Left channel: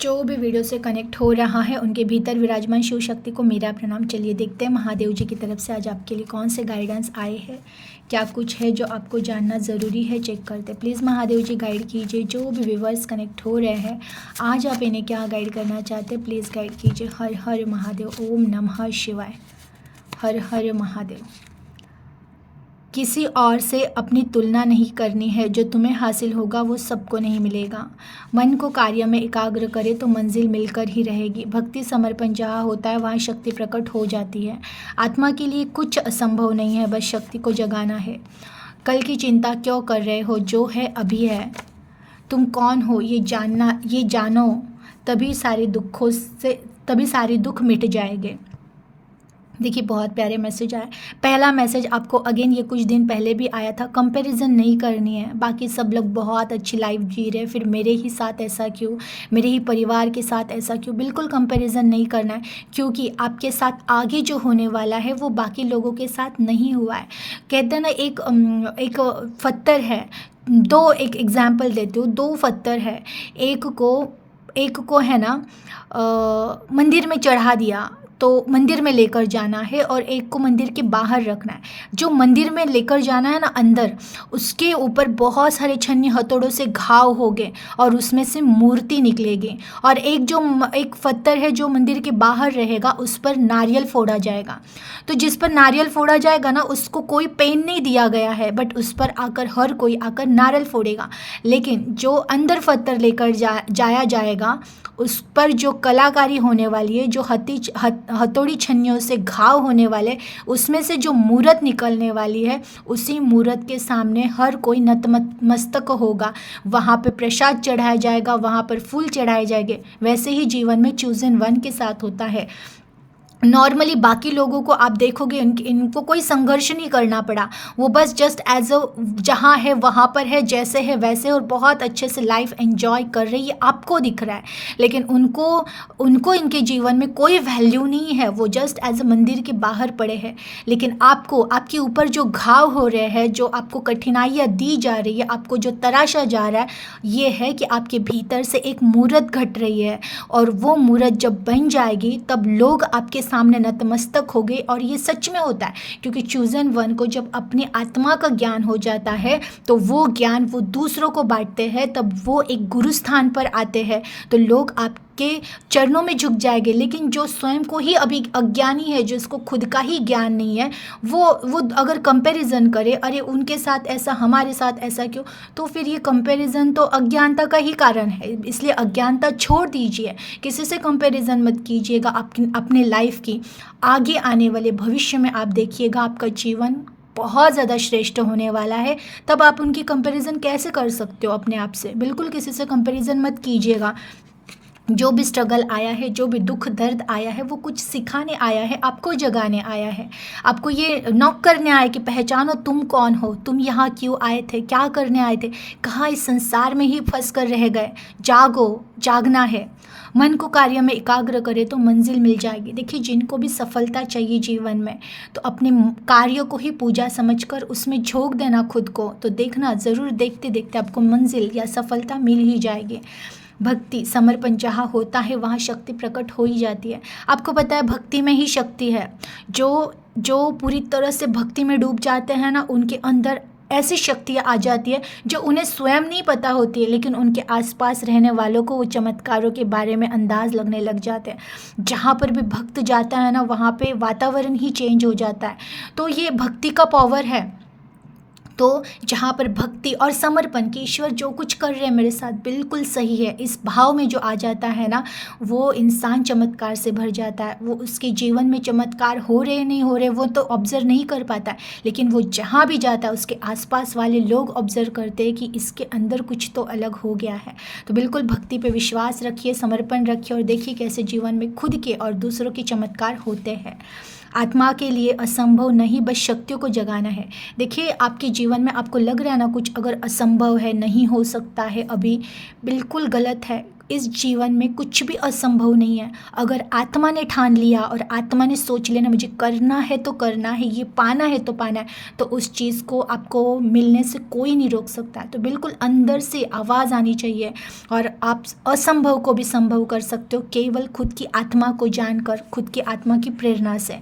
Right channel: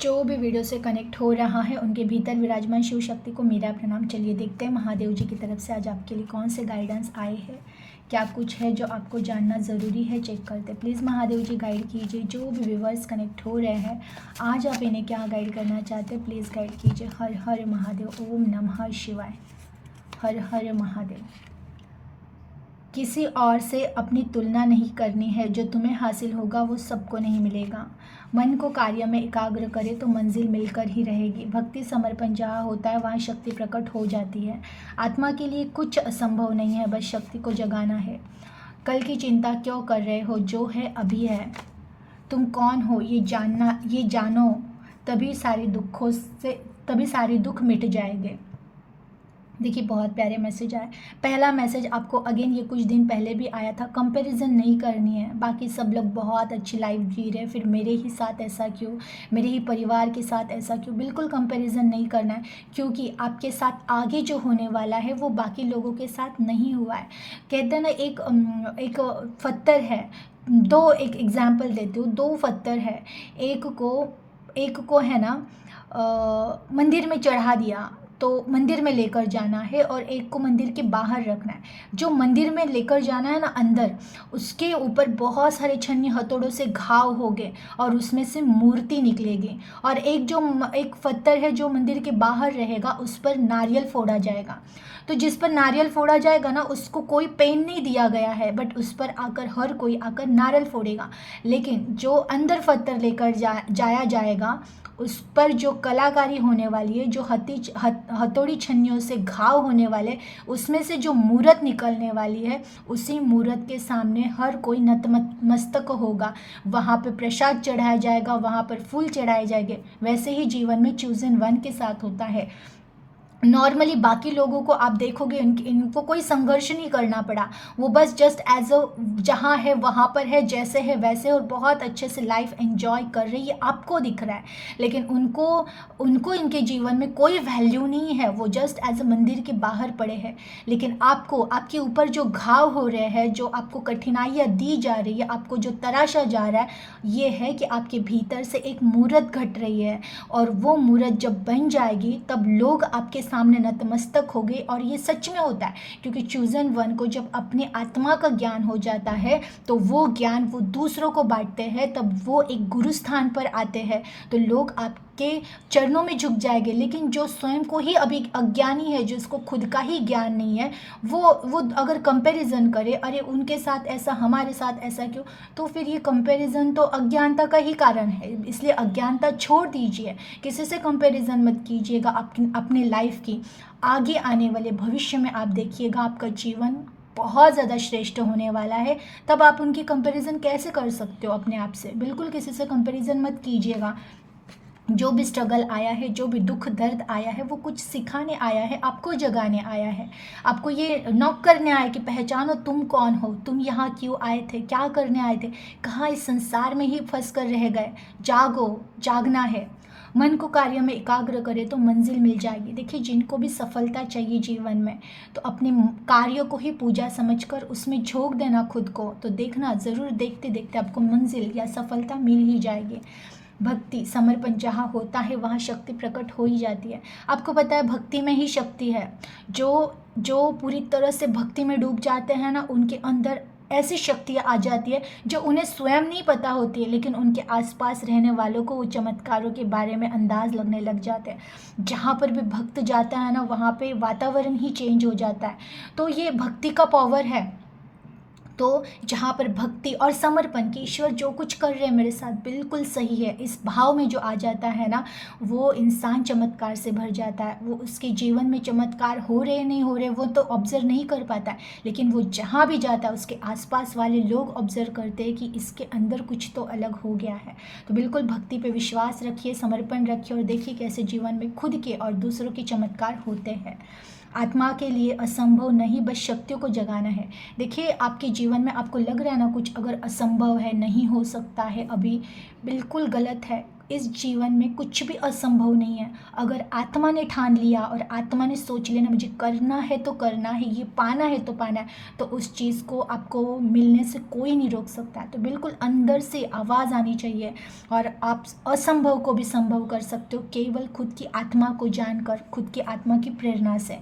जो भी वीडियो से कनेक्ट हो रहा है उनके भीतर विराजमान शिव शक्ति को मेरा प्रणाम। चलिए देखते हैं महादेव जी की तरफ से आज आपके लिए कौन से गाइडेंस आए हैं, क्या कुछ है जो आपको जानना ज़रूरी है, चेक करते हैं। प्लीज़ महादेव जी गाइड कीजिए जो भी व्यूवर्स कनेक्ट हो रहे हैं, आज आप इन्हें क्या गाइड करना चाहते हैं, प्लीज़ गाइड कीजिए। हर हर महादेव, ओम नमः शिवाय। हर हर महादेव। किसी और से अपनी तुलना नहीं करनी है, जो तुम्हें हासिल होगा वो सबको नहीं मिलेगा। मन को कार्य में एकाग्र करे तो मंजिल मिलकर ही रहेगी। भक्ति समर्पण जहाँ होता है वहाँ शक्ति प्रकट हो जाती है। आत्मा के लिए कुछ असंभव नहीं है, बस शक्ति को जगाना है। कल की चिंता क्यों कर रहे हो, जो है अभी है। तुम कौन हो ये जानो, तभी सारे दुख मिट जाएंगे। देखिए बहुत प्यारे मैसेज आए। पहला मैसेज आपको अगेन ये कुछ दिन पहले भी आया था, कंपैरिजन नहीं करनी है। बाकी सब लोग बहुत अच्छी लाइफ जी रहे, फिर मेरे ही साथ ऐसा क्यों, मेरे ही परिवार के साथ ऐसा क्यों। बिल्कुल कंपैरिजन नहीं करना है, क्योंकि आपके साथ आगे जो होने वाला है वो बाकी लोगों के साथ नहीं हुआ है। कहते हैं ना, एक पत्थर है, एक एग्जाम्पल देती हूँ। दो पत्थर है, एक को है ना मंदिर में चढ़ा दिया तो मंदिर में लेकर जाना है, और एक को मंदिर के बाहर रखना है। जो मंदिर में लेकर जाना है ना अंदर, उसके ऊपर बहुत सारे छन्नी हथौड़ों से घाव हो गए और उसमें से मूर्ति निकलेगी। और एक पत्थर है जो मंदिर के बाहर रहेगा, उस पर नारियल फोड़ा जाएगा। तो जिस पर नारियल फोड़ा जाएगा ना, उसको कोई पेन नहीं दिया गया है, बट उस पर आकर हर कोई आकर नारियल फोड़ेगा। लेकिन जो अंदर पत्थर लेकर जाया जाएगा, उस पर जो कलाकारी होने वाली है, जो हथौड़ी छन्नियों से घाव होने वाले, उसमें से जो मूर्त निकलने वाली है, उसी मूर्त के सामने हर कोई नतमस्तक होगा। वहाँ पे प्रसाद चढ़ाया जाएगा, वहाँ पर फूल चढ़ाए जाएंगे। वैसे ही जीवन में चूजन वन के साथ होता है। नॉर्मली बाकी लोगों को आप देखोगे, इनको कोई संघर्ष नहीं करना पड़ा, वो बस जस्ट एज अ जहाँ है वहाँ पर है, जैसे है वैसे, और बहुत अच्छे से लाइफ एंजॉय कर रही है, आपको दिख रहा है। लेकिन उनको इनके जीवन में कोई वैल्यू नहीं है, वो जस्ट एज अ मंदिर के बाहर पड़े हैं। लेकिन आपको, आपके ऊपर जो घाव हो रहे हैं, जो आपको कठिनाइयाँ दी जा रही है, आपको जो तराशा जा रहा है, ये है कि आपके भीतर से एक मूर्त घट रही है। और वो मूर्त जब बन जाएगी तब लोग आपके सामने नतमस्तक हो गए। और ये सच में होता है, क्योंकि चूजन वन को जब अपनी आत्मा का ज्ञान हो जाता है तो वो ज्ञान वो दूसरों को बांटते हैं, तब वो एक गुरु स्थान पर आते हैं, तो लोग आपके चरणों में झुक जाएंगे। लेकिन जो स्वयं को ही अभी अज्ञानी है, जो इसको खुद का ही ज्ञान नहीं है, वो अगर कंपैरिजन करे, अरे उनके साथ ऐसा हमारे साथ ऐसा क्यों, तो फिर ये कंपैरिजन तो अज्ञानता का ही कारण है। इसलिए अज्ञानता छोड़ दीजिए, किसी से कंपैरिजन मत कीजिएगा अपने लाइफ की। आगे आने वाले भविष्य में आप देखिएगा आपका जीवन बहुत ज़्यादा श्रेष्ठ होने वाला है। तब आप उनकी कंपैरिजन कैसे कर सकते हो अपने आप से। बिल्कुल किसी से कंपैरिजन मत कीजिएगा। जो भी स्ट्रगल आया है, जो भी दुख दर्द आया है, वो कुछ सिखाने आया है, आपको जगाने आया है। आपको ये नॉक करने आया कि पहचानो तुम कौन हो, तुम यहाँ क्यों आए थे, क्या करने आए थे, कहाँ इस संसार में ही फंस कर रह गए। जागो, जागना है। मन को कार्य में एकाग्र करे तो मंजिल मिल जाएगी। देखिए, जिनको भी सफलता चाहिए जीवन में, तो अपने कार्य को ही पूजा समझकर उसमें झोंक देना खुद को, तो देखना ज़रूर, देखते देखते आपको मंजिल या सफलता मिल ही जाएगी। भक्ति समर्पण जहाँ होता है वहाँ शक्ति प्रकट हो ही जाती है। आपको पता है भक्ति में ही शक्ति है। जो पूरी तरह से भक्ति में डूब जाते हैं ना, उनके अंदर ऐसी शक्तियाँ आ जाती है जो उन्हें स्वयं नहीं पता होती है, लेकिन उनके आसपास रहने वालों को वो चमत्कारों के बारे में अंदाज लगने लग जाते हैं। जहाँ पर भी भक्त जाता है ना, वहाँ पे वातावरण ही चेंज हो जाता है। तो ये भक्ति का पावर है। तो जहाँ पर भक्ति और समर्पण कि ईश्वर जो कुछ कर रहे हैं मेरे साथ बिल्कुल सही है, इस भाव में जो आ जाता है ना, वो इंसान चमत्कार से भर जाता है। वो उसके जीवन में चमत्कार हो रहे नहीं हो रहे वो तो ऑब्जर्व नहीं कर पाता है, लेकिन वो जहाँ भी जाता है उसके आसपास वाले लोग ऑब्जर्व करते हैं कि इसके अंदर कुछ तो अलग हो गया है। तो बिल्कुल भक्ति पे विश्वास रखिए, समर्पण रखिए, और देखिए कैसे जीवन में खुद के और दूसरों के चमत्कार होते हैं। आत्मा के लिए असंभव नहीं, बस शक्तियों को जगाना है। देखिए, आपके जीवन में आपको लग रहा है ना कुछ अगर असंभव है, नहीं हो सकता है अभी, बिल्कुल गलत है। इस जीवन में कुछ भी असंभव नहीं है। अगर आत्मा ने ठान लिया और आत्मा ने सोच लेना मुझे करना है तो करना है, ये पाना है तो पाना है, तो उस चीज़ को आपको मिलने से कोई नहीं रोक सकता। तो बिल्कुल अंदर से आवाज़ आनी चाहिए और आप असंभव को भी संभव कर सकते हो केवल खुद की आत्मा को जानकर, खुद की आत्मा की प्रेरणा से।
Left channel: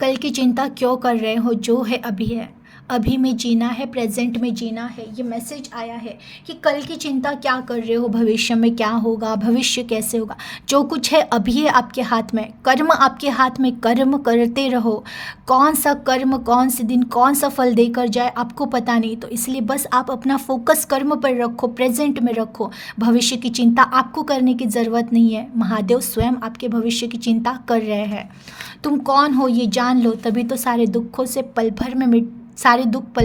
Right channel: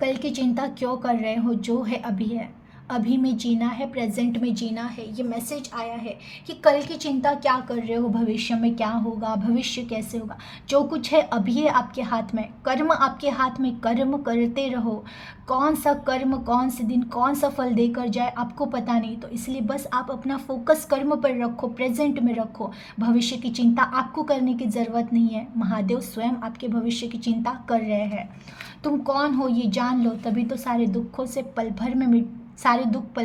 कल की चिंता क्यों कर रहे हो, जो है अभी है, अभी में जीना है, प्रेजेंट में जीना है। ये मैसेज आया है कि कल की चिंता क्या कर रहे हो, भविष्य में क्या होगा, भविष्य कैसे होगा। जो कुछ है अभी है आपके हाथ में, कर्म आपके हाथ में, कर्म करते रहो। कौन सा कर्म कौन से दिन कौन सा फल देकर जाए आपको पता नहीं, तो इसलिए बस आप अपना फोकस कर्म पर रखो, प्रेजेंट में रखो। भविष्य की चिंता आपको करने की ज़रूरत नहीं है, महादेव स्वयं आपके भविष्य की चिंता कर रहे हैं। तुम कौन हो ये जान लो, तभी तो सारे दुख पल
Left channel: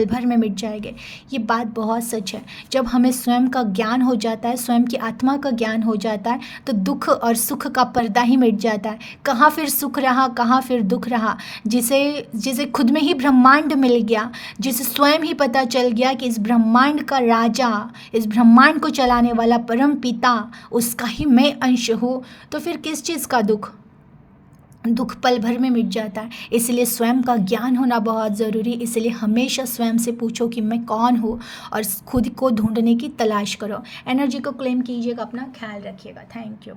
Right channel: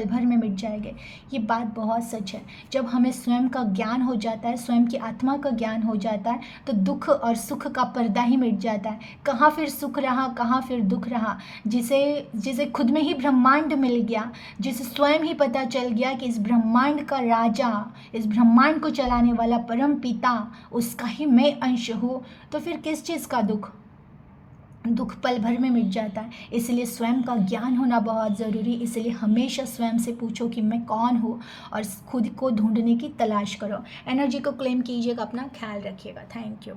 भर में मिट जाएंगे। ये बात बहुत सच है। जब हमें स्वयं का ज्ञान हो जाता है, स्वयं की आत्मा का ज्ञान हो जाता है, तो दुख और सुख का पर्दा ही मिट जाता है। कहाँ फिर सुख रहा, कहाँ फिर दुख रहा। जिसे खुद में ही ब्रह्मांड मिल गया, जिसे स्वयं ही पता चल गया कि इस ब्रह्मांड का राजा, इस ब्रह्मांड को चलाने वाला परम पिता, उसका ही मैं अंश हूँ, तो फिर किस चीज़ का दुख पल भर में मिट जाता है। इसलिए स्वयं का ज्ञान होना बहुत ज़रूरी। इसलिए हमेशा स्वयं से पूछो कि मैं कौन हूँ और खुद को ढूंढने की तलाश करो। एनर्जी को क्लेम कीजिएगा, अपना ख्याल रखिएगा। Thank you.